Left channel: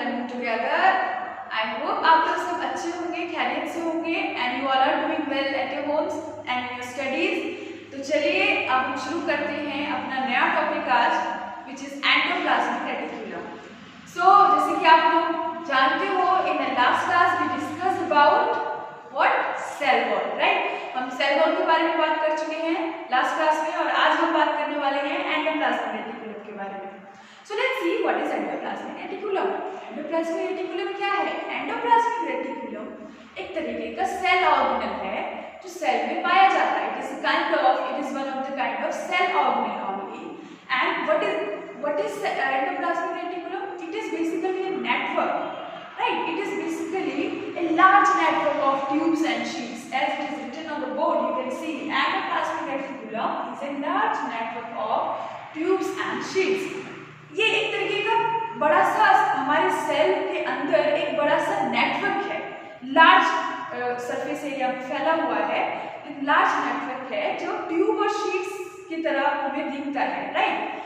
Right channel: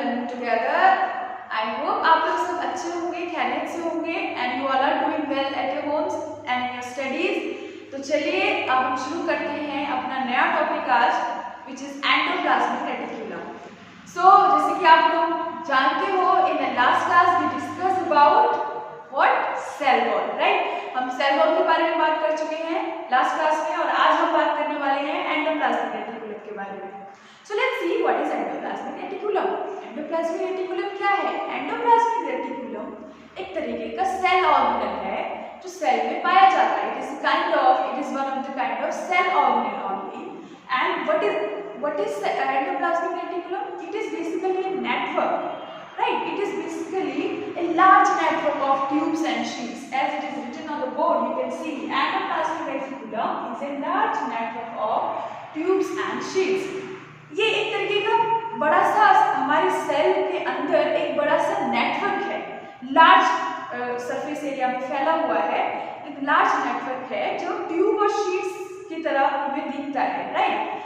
learning together. I hope आप लोग सब अच्छे होंगे, खैरियत से होंगे and you all are doing well at your homes and in your studies. तो चलिए अब हम शुरू करते हैं अपना नया टॉपिक आज, which is endoplasmic reticulum. So जैसे कि आप लोग जानते हो, in the last class we discussed about what cell wall, right? हम सेल वॉल के बारे में बात कर चुके हैं लास्ट क्लास में और आज हम बात करने वाले हैं एंडोप्लाज्मिक रेटिकुलम के बारे में. So let's see what is endoplasmic reticulum. Endoplasmic reticulum क्या है? एंडोप्लाज्मिक रेटिकुलम एक तरीके का सेल ऑर्गेनल है जो सेल में पाया जाता है. It is one of the kind of cell organelle only. And what is endoplasmic reticulum? It is basically a network, right? It is basically a large network of tubes and sheets. As it is written on the board, you can see endoplasmic reticulum is a large network of tubes and sheets. ये एक तरीके का बड़ा सा हमारे सेल के अंदर एक बड़ा सा नेटवर्क है, लार्ज सरफेस एरिया में फैला हुआ है, एक लार्ज नेटवर्क है जो ट्यूब और शीट्स की तरह हमें दिखता है, राइट?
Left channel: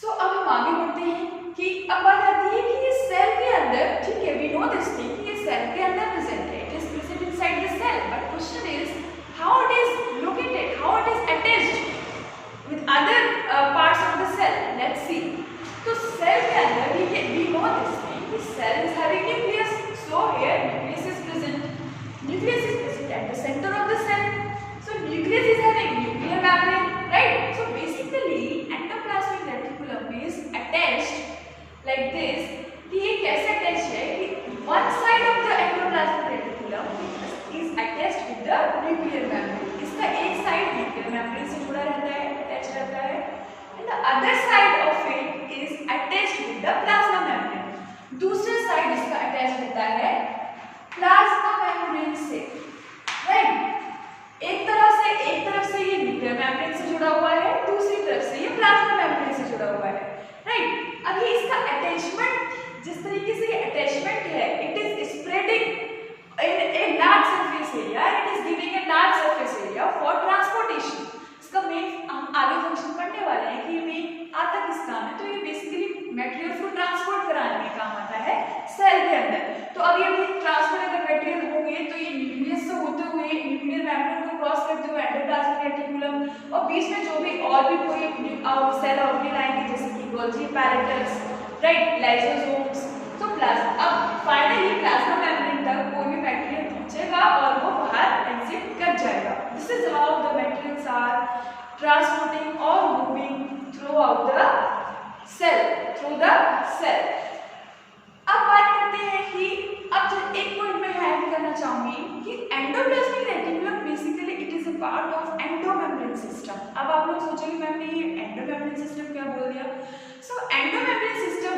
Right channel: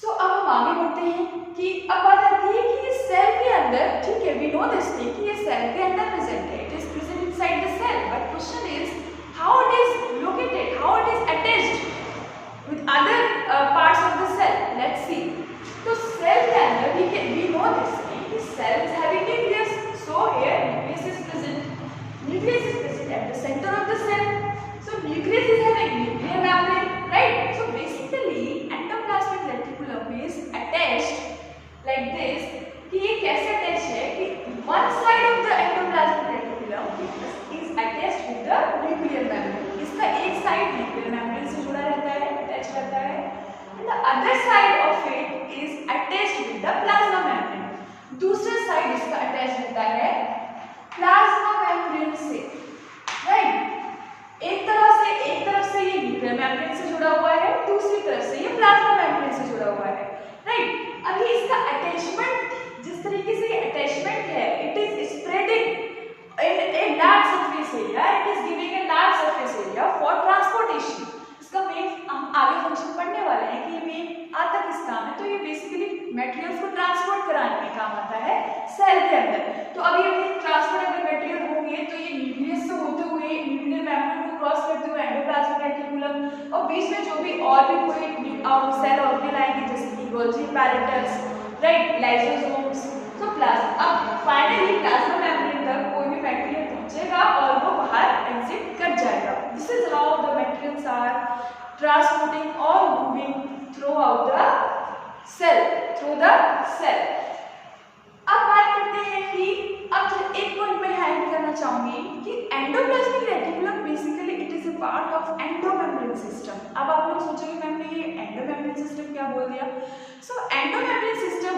सो अब हम आगे बढ़ते हैं कि अब बात आती है कि ये सेल के अंदर, ठीक है, वी नो दिस थिंग कि ये सेल के अंदर प्रेजेंट है, it is present inside the cell, but question is how it is located, how it is attached with other parts of the cell. Let's see. So cell के अंदर we know this thing. This cell is having nucleus. So here nucleus is present. Nucleus is present at the center of the cell. So nucleus is having nuclear membrane, right? So basically endoplasmic reticulum is attached like this. कि ये कैसे attached है कि one side of the endoplasmic reticulum is attached with the nuclear membrane. इसका एक side nuclear membrane से जुड़ा रहता है, रहता है, and the other side of it is attached with the plasma membrane. दूसरा साइड इसका अटैच रहता है प्लाज्मा मेम्ब्रेन से, राइट? एक तरफ से ये न्यूक्लियर मेम्ब्रेन से जुड़ा हुआ है, दूसरी तरफ से ये प्लाज्मा मेम्ब्रेन से जुड़ा हुआ है, राइट? अभी इसका अटैचमेंट, जिस तरीके से ये अटैचमेंट है, it is spreading in a large surface area, it is giving a large surface area for transportation. इसका मेन हम आगे फंक्शन पढ़ने वाले हैं कि ये मेन आता किस काम है. तो ये बेसिकली मटेरियल्स को ट्रांसपोर्ट कराने में काम आता है सेल के अंदर. तो अब ये ट्रांसपोर्ट अगर मटेरियल होंगे तो ये न्यूक्लियस से होते हुए न्यूक्लियर मेम्ब्रेन को क्रॉस करते हुए एंडोप्लाज्मिक रेटिकुलम और बीच में जो भी और भी कोई सेल ऑर्गेनल आएंगे जैसे कि गोल्जी पैरेटस, राइट, लाइसोसोम्स. तो प्लाज्मा अब फाइनली प्लाज्मा मेम्ब्रेन तक कोई भी मटेरियल पहुंचेगा और वो बाहर एग्जिट कर जाएगा. This is how the materials are transporting और moving throughout the cell, through the cell. अब बात करते हैं कि अब एक पॉइंट मैं हाईलाइट करना चाहूंगी कि endoplasmic reticulum basically it is a part of endomembrane system. अब आप लोग सोचेंगे मैम ने ये एंडोमेम्ब्रेन सिस्टम क्या बोल दिया. So endomembrane system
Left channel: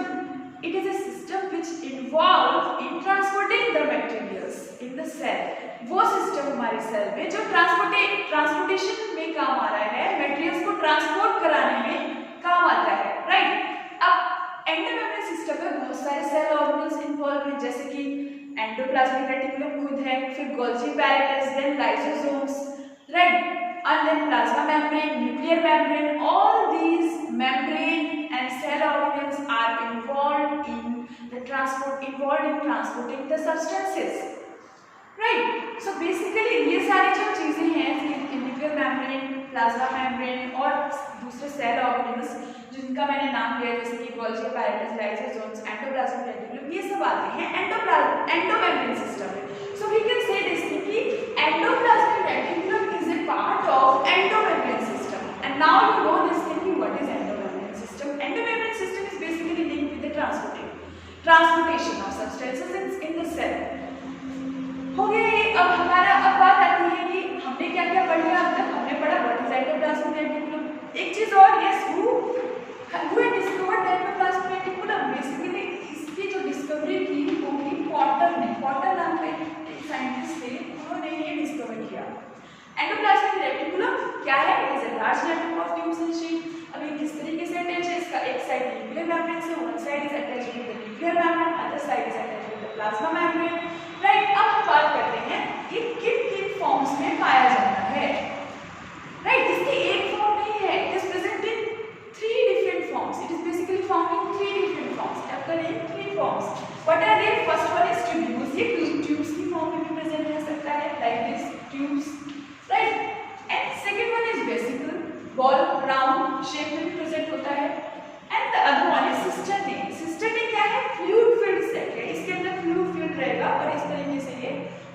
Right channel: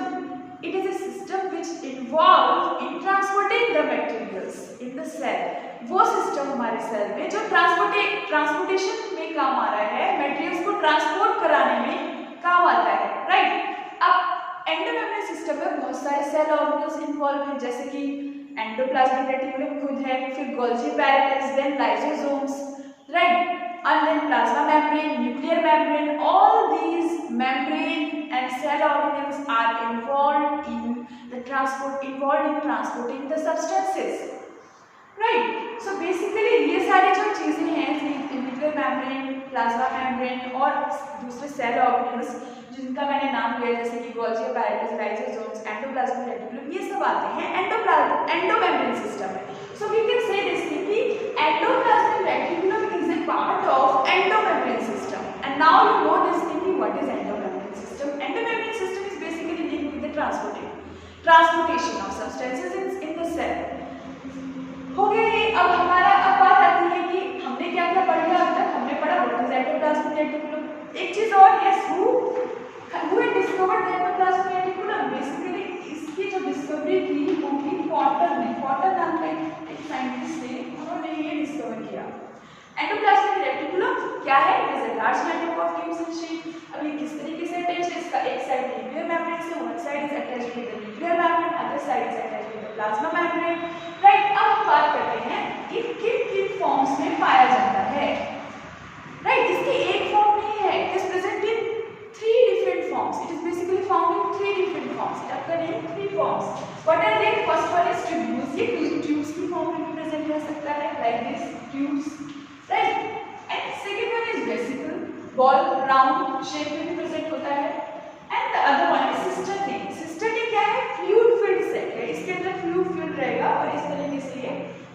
it is a system which involves in transporting the materials in the cell. वो सिस्टम हमारे सेल में जो ट्रांसपोर्टेशन में काम आ रहा है, मटेरियल्स को ट्रांसपोर्ट कराने में काम आता है, राइट? अब एंडोमेम्ब्रेन सिस्टम में बहुत सारे सेल ऑर्गेनल्स इन्वॉल्व हैं जैसे कि एंडोप्लाज्मिक रेटिकुलम खुद है, फिर Golgi apparatus, then lysosomes, right, and then plasma membrane, nuclear membrane. All these membrane and cell organelles are involved in transporting the substances, right? So basically ये सारी जो चीजें हैं, nuclear membrane, plasma membrane और दूसरे cell organelles जिनका मैंने नाम लिया जैसे कि Golgi apparatus, lysosomes, endoplasmic reticulum, ये सब आते हैं एंडोमेम्ब्रेन सिस्टम में. So we can say this कि endoplasmic reticulum is a part of endomembrane system. And now you know this thing, what is endomembrane system. Endomembrane system is basically linked with the transportation of substances in the cell. हो गया ये. अब हमारा अब बात आती है कि हमने क्या क्या पढ़ लिया अब तक. हमने पढ़ा what is endoplasmic reticulum. एक चीज और, yes, who had discovered endoplasmic reticulum. Basically इसकी जो डिस्कवरी की वो की पॉटर ने, पॉटर नाम का एक साइंटिस्ट थे, उन्होंने ये डिस्कवर किया. एंडोप्लाज्मिक रेटिकुलम क्या है? It is a large network of tubes and sheet. अब ये किस तरीके से अटैच है? इसका एक साइड न्यूक्लियर मेम्ब्रेन से, one side is attached with the nuclear membrane, other side is attached with the plasma membrane, right? अब हम बात करते हैं ये किन फॉर्म्स में पाया जाता है, राइट? इसकी एक फॉर्म नहीं है, it is present in 3 different forms. It is basically found in 3 different forms. occur in 3 forms. What are they? First one is tubules. ये tubes की form में भी present रह सकता है, like this tubes, right? And second one is vesicle, ball round shape में भी present होता है. And the other one is cisternae. Cisternae क्या है? Fluid filled set है. इसके अंदर fluid filled रहेगा और इस तरीके से ये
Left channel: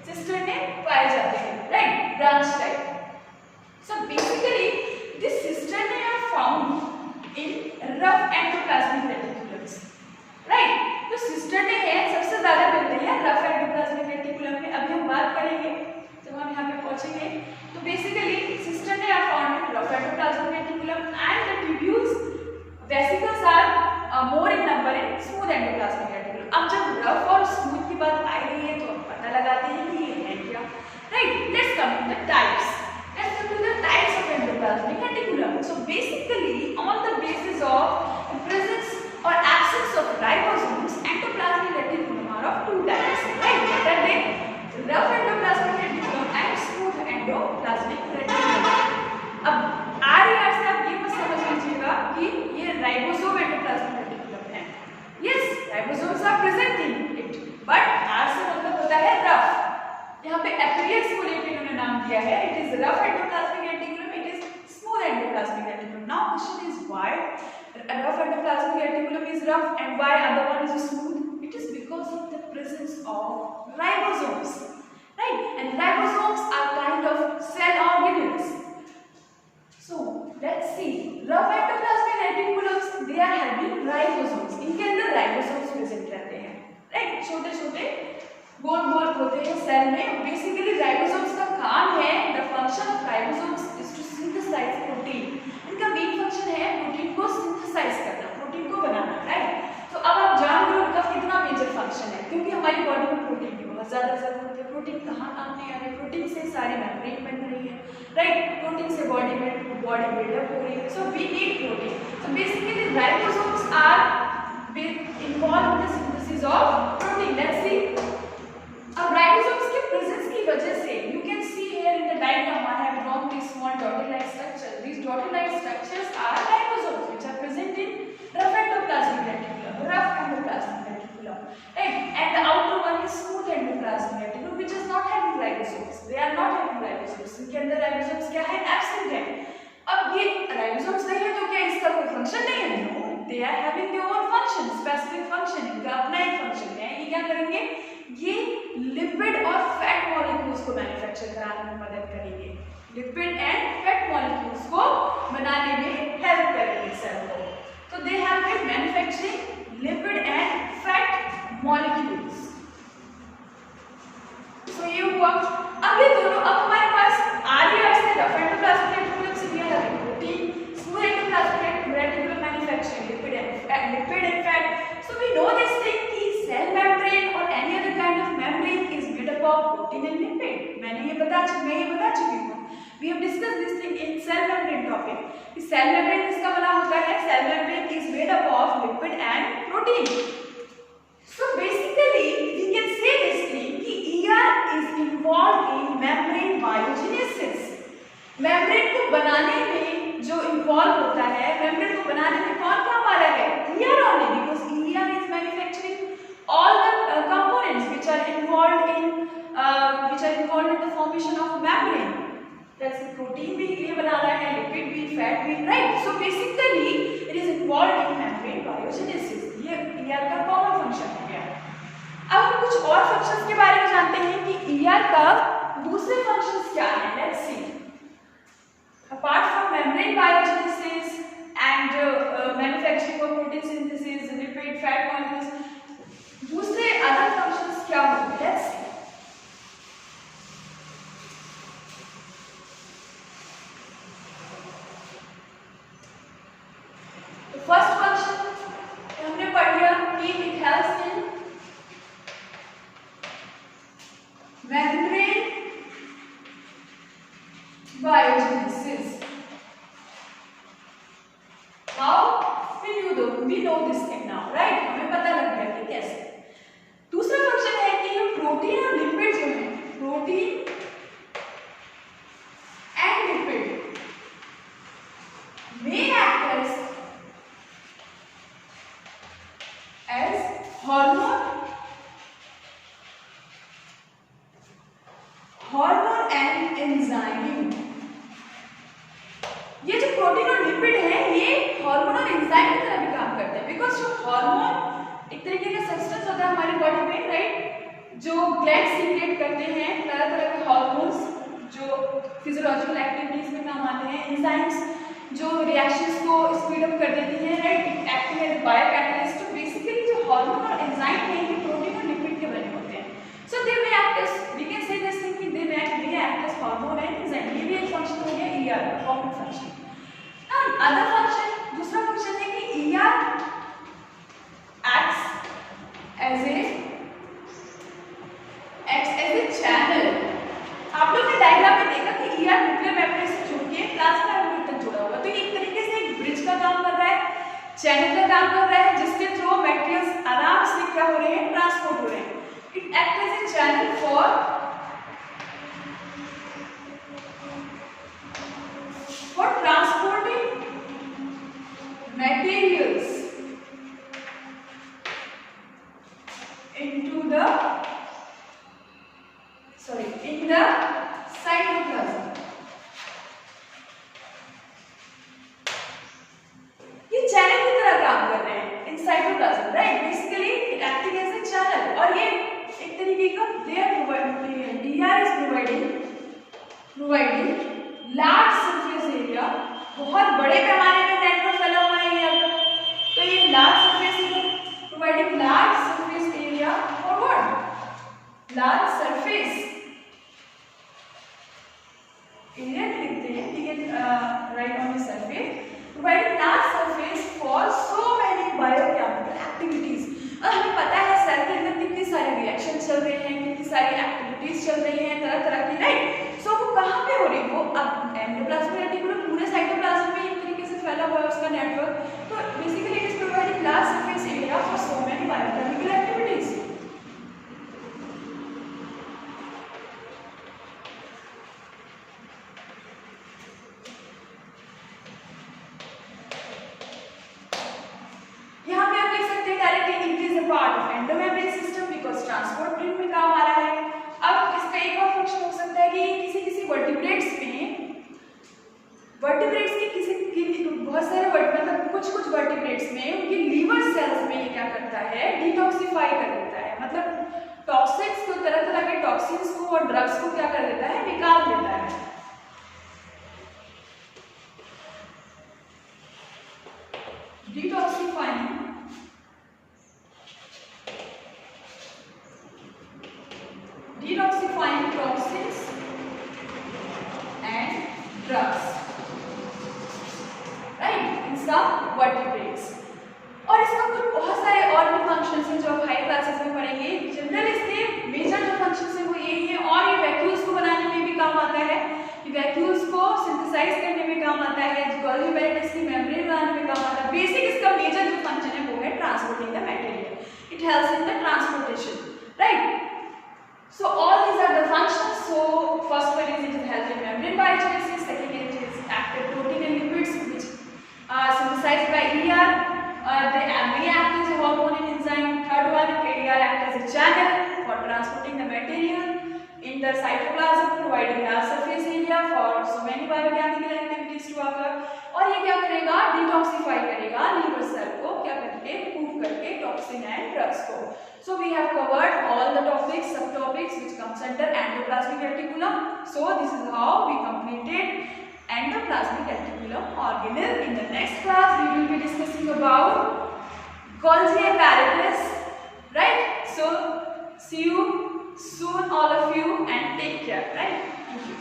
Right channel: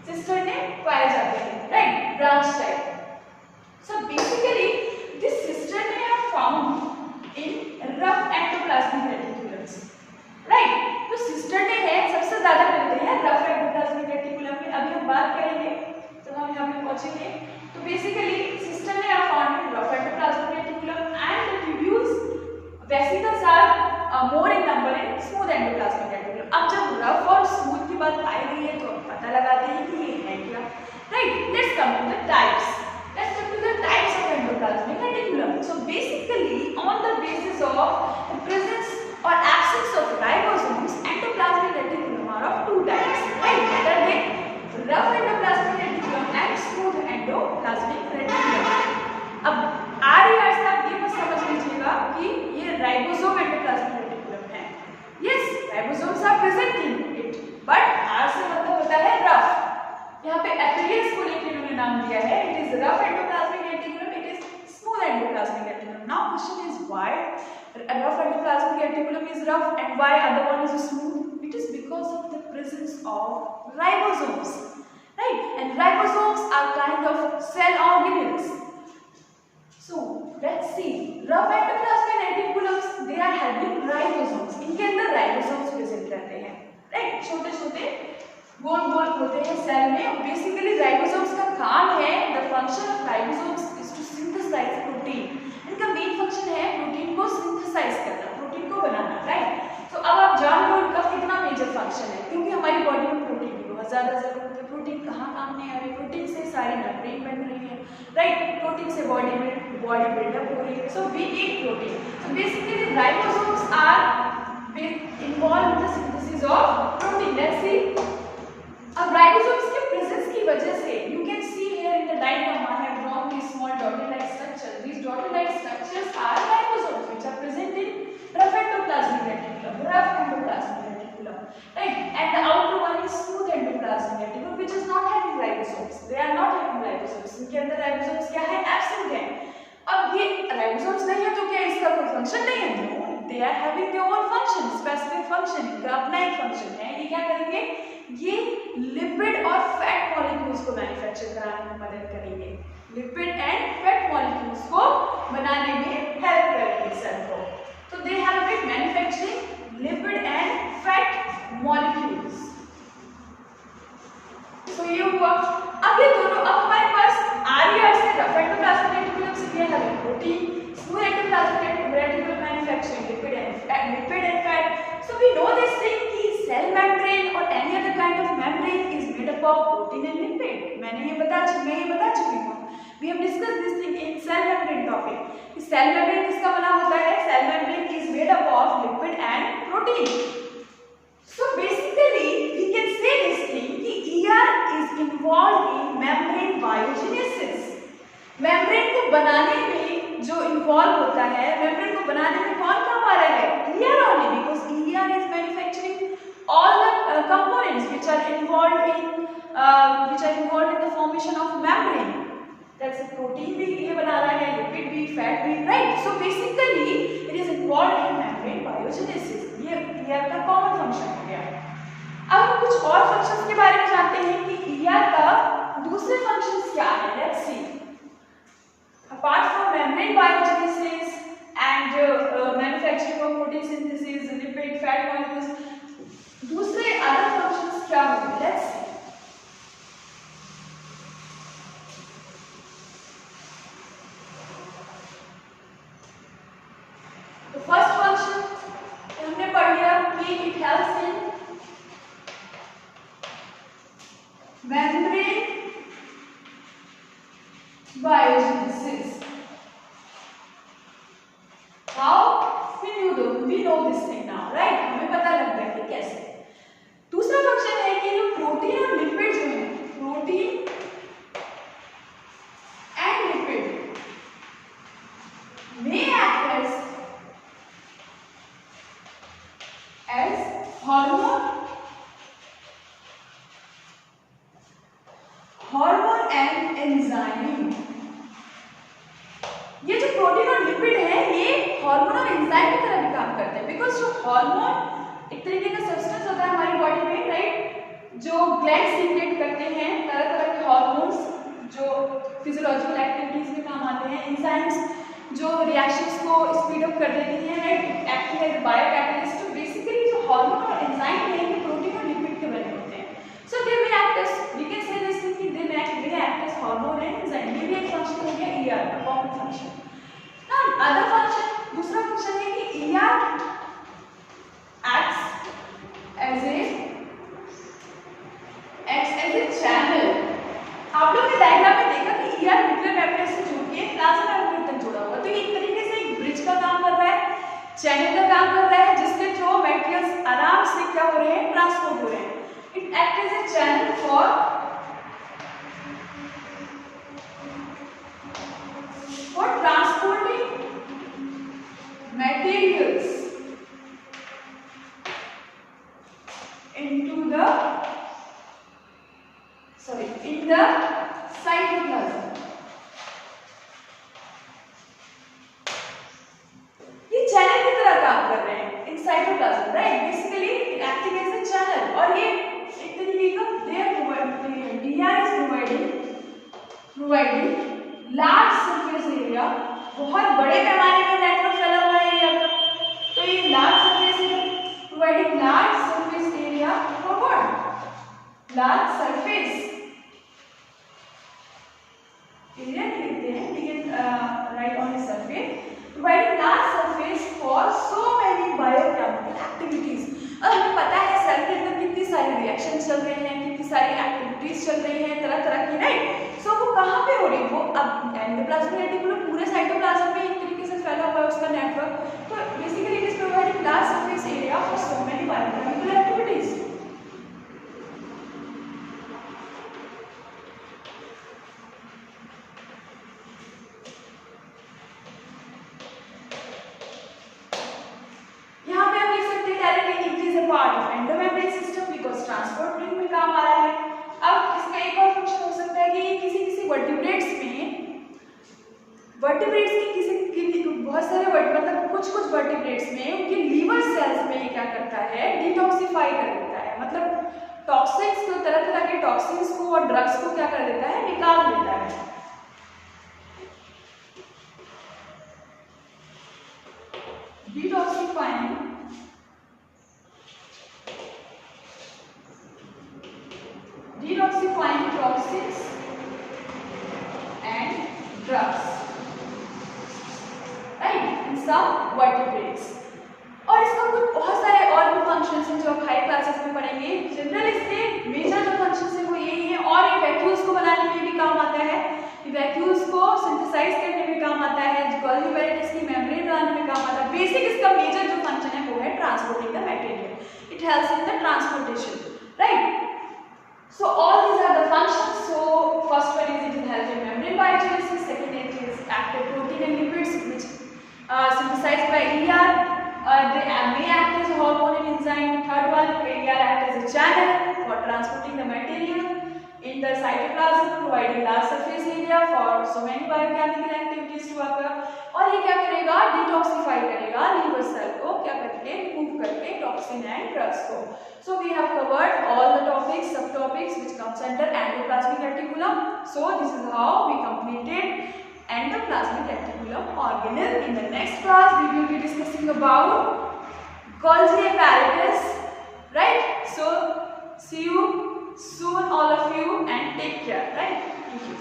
cisternae पाए जाते हैं, right? Branch type. So basically, this cisternae are found in rough endoplasmic reticulums, right? तो cisternae है सबसे ज़्यादा मिलते हैं rough endoplasmic reticulum में. अभी हम बात करेंगे जब हम यहाँ पे पहुँचेंगे. तो basically cisternae are found in rough endoplasmic reticulum and the tubules, vesicles are more in number in smooth endoplasmic reticulum. अब जब rough और smooth की बात आई रही है तो पता लगाते हैं कि ये है क्या, right? Let's come to the types. Let's come to the types of endoplasmic reticulum. So basically, on the basis of the presence or absence of ribosomes, endoplasmic reticulum are of two types, right? What are they? Rough endoplasmic reticulum and smooth endoplasmic reticulum. अब RER साहब ये मत समझ लीजिएगा कि ये ribosome endoplasmic reticulum है. Yes, ribosomes are present in it, but R से मतलब होता है rough. यहाँ पे appearance को लेकर इन्होंने नाम दिया है. It is rough endoplasmic reticulum, it is smooth endoplasmic reticulum. Now question is why rough endoplasmic reticulum is rough and why other one is smooth? It is because of the presence of ribosomes, right? And ribosomes are kind of cell organelles. So let's see, rough endoplasmic reticulums, they are having ribosomes. इनके अंदर ribosomes present रहते हैं, right? छोटे छोटे गोल गोल होते हैं सेल में. Basically ribosomes का काम है, the function of ribosomes is to synthesise protein. इनका मेन फंक्शन है प्रोटीन को सिंथेसाइज करना, प्रोटीन को बनाना, राइट? तो अब आप जान लो इनका कितना मेजर फंक्शन है, क्योंकि हमारी बॉडी में प्रोटीन की बहुत ज्यादा जरूरत है. प्रोटीन कहाँ काम में आ रही है? प्रोटीन से सारी मेम्ब्रेन बन रही है, राइट? प्रोटीन से बॉडी में बॉडी बिल्डअप हो रही है. So we need protein. So basically ribosomes are involve in the synthesis of protein. Let's see. अब राइबोसोम्स के प्रेजेंस की वजह से you can see here in the diagram I have drawn this small dotted like structure. This dotted like structures are ribosomes which are present in rough endoplasmic reticulum, rough endoplasmic reticulum, right? And the outer one is smooth endoplasmic reticulum which is not having ribosomes. They are not having ribosomes. इनके अंदर ribosomes क्या है? Absent है. अब ये ribosomes नहीं है तो क्या इसका कोई फंक्शन नहीं है? No, they are having their own function, specific function. इनका अपना एक फंक्शन है. ये क्या करेंगे? ये लिपिड और फैट मॉलिक्यूल्स को मैन्युफैक्चर कराने में मदद करेंगे. लिपिड एंड फैट मॉलिक्यूल्स को बनाने में हेल्प करेंगे सेल को. So they have been manufacturing lipid and fat molecules. So ये हुआ. अब ये दोनों, अब हमारे पास RER से rough endoplasmic reticulum से we are having protein, smooth endoplasmic reticulum manufacturing lipid and fat. So we know this thing कि cell membrane or any other kind of membrane is made up of protein and lipid. मैं ये बता चुकी हूँ. We have discussed this thing in cell membrane topic. Cell membrane किसका बना होता है? Cell membrane is made up of lipid and protein. So basically we can say this thing कि ER is involved in membrane biogenesis. Membrane को बनाने में जो involve होता है, membrane को बनाने में कौन काम आ रहा है? ER only, because ER is manufacturing all the components which are involved in the formation of membrane. That's protein भी ये बना रहा है, lipid भी, fat भी, right? So basically it is involved in membrane biogenesis. ये ER का common function हो गया. अब हम कुछ और functions के बारे में जानते हैं कि ER का दूसरे functions क्या है. Let's see. Apart from membrane biogenesis and manufacturing of protein synthesis, lipid, fat molecules, दूसरे other functions क्या होंगे? Let's see. फर्स्ट फंक्शन हमने पढ़ लिया कि it helps in membrane biogenesis. How we know this thing now, right? हमें पता लग गया कि कैसे. दूसरा फंक्शन है कि ये प्रोटीन और लिपिड जो है, protein and lipid may act as hormones enzyme. ये जो प्रोटीन और लिपिड है ये हार्मोन और एंजाइम की तरह भी काम करते हैं, बिकॉज जो हार्मोन एक तरीके का सब्सटेंस होता है हमारी बॉडी में, राइट, जो ग्लैंड सीक्रेट करते हैं तरह तरह के हार्मोन्स जो फिजियोलॉजिकल एक्टिविटीज में काम आते हैं, एंजाइम्स जो रिएक्शंस को स्पीड अप कर देती हैं, right, acting as bio catalyst. तो बेसिकली जो हार्मोन और एंजाइम है ये प्रोटीन और लिपिड के बने होते हैं। So they may act as, we can say this thing कि they may act as hormone and enzyme. ये भी एक फंक्शन हो गया ईआर का, common function. Now other function, दूसरा फंक्शन है कि ER acts as a channel. आप लोग ने डायग्राम में देखा कि ईआर न्यूक्लियर मेम्ब्रेन से जुड़ के प्लाज्मा मेम्ब्रेन तक जुड़ा हुआ, तो ये एक तरीके से एक ब्रिज का काम कर रहा है, चैनल का काम कर रहा है, जिसके थ्रू मटेरियल्स आराम से क्या हो रहे हैं, ट्रांसपोर्ट हो रहे हैं। It act as a channel for transporting materials into the in the cytoplasm। ये चैनल की तरह काम कर रहे हैं in cytoplasm, right, basically acting as a channel. और ये एक तरीके का ER is providing large surface area, बहुत बड़े पैमाने में नेटवर्क फैला हुआ है ईआर का। तो ये large surface area providing large surface area for what, large surface area लिखते हैं, we can write on the surface, providing large surface for so many biochemical activities। और हमें पता है सेल के अंदर कितनी सारी रिएक्शन चल रहे हैं, कितनी सारी एक्टिविटीज चल रही हैं तरह तरह की, राइट। सो वो कहाँ पे हो रही है, वो अब एंडोप्लाज्मिक रेटिकुलम पूरे साइटोप्लाज्म में एक तरीके से फैला हुआ है उसका नेटवर्क। तो basically it is providing large surface area for so many biochemical activities. Part of endomembrane system because transport में काम आ रहा है। अब इसका एक और फंक्शन हो सकता है कि किसी वर्टिब्रेट्स की बहुत सारे मतलब कुछ वर्टिब्रेट्स में उनके लीवर सेल्स में ये क्या करता है, डिटॉक्सिफाई कर देता है, मतलब टॉक्सिन्स को, तरह तरह के टॉक्सिन्स को और ड्रग्स को क्या कर देता है, निकाल देता है। detoxifying toxins and drugs, right, in some vertebrates। और इसका कुछ बहुत सारे और भी फंक्शंस हैं जो आप हाई क्लासेस में पढ़ेंगे। जनरल इसके मेजर जो फंक्शंस हैं वो यही हैं। और ये वैक्यूल्स को बनाने में भी काम आता है, वैक्यूल्स को सिंथेसाइज करने में काम आता है, गोल्गी एपेरेटस की मेम्ब्रेन बनाने में काम आता है। बेसिक इसका मेजर जो फंक्शन है वो है transporting the material, it helps in the transportation, right. So all these are the functions. So first one is it will help in membrane biogenesis, second it is active protein and lipids which are synthesized by ER, they may act as a hormone and enzyme. Third one, ER act as a channel for transporting the material in the cytoplasm, providing large surface area for so many biochemical activities to occur। और ये क्या करेगा, डिटॉक्सिफाई करेगा liver cell को, क्या करके, रिमूव करके toxin and drugs को। So we have covered all the topics, subtopics which comes under endoplasmic reticulum. So this is how we completed endoplasmic reticulum organelle. In the next class we will be discussing about Golgi apparatus, right? So see you soon all of you and take care, right? Thank you.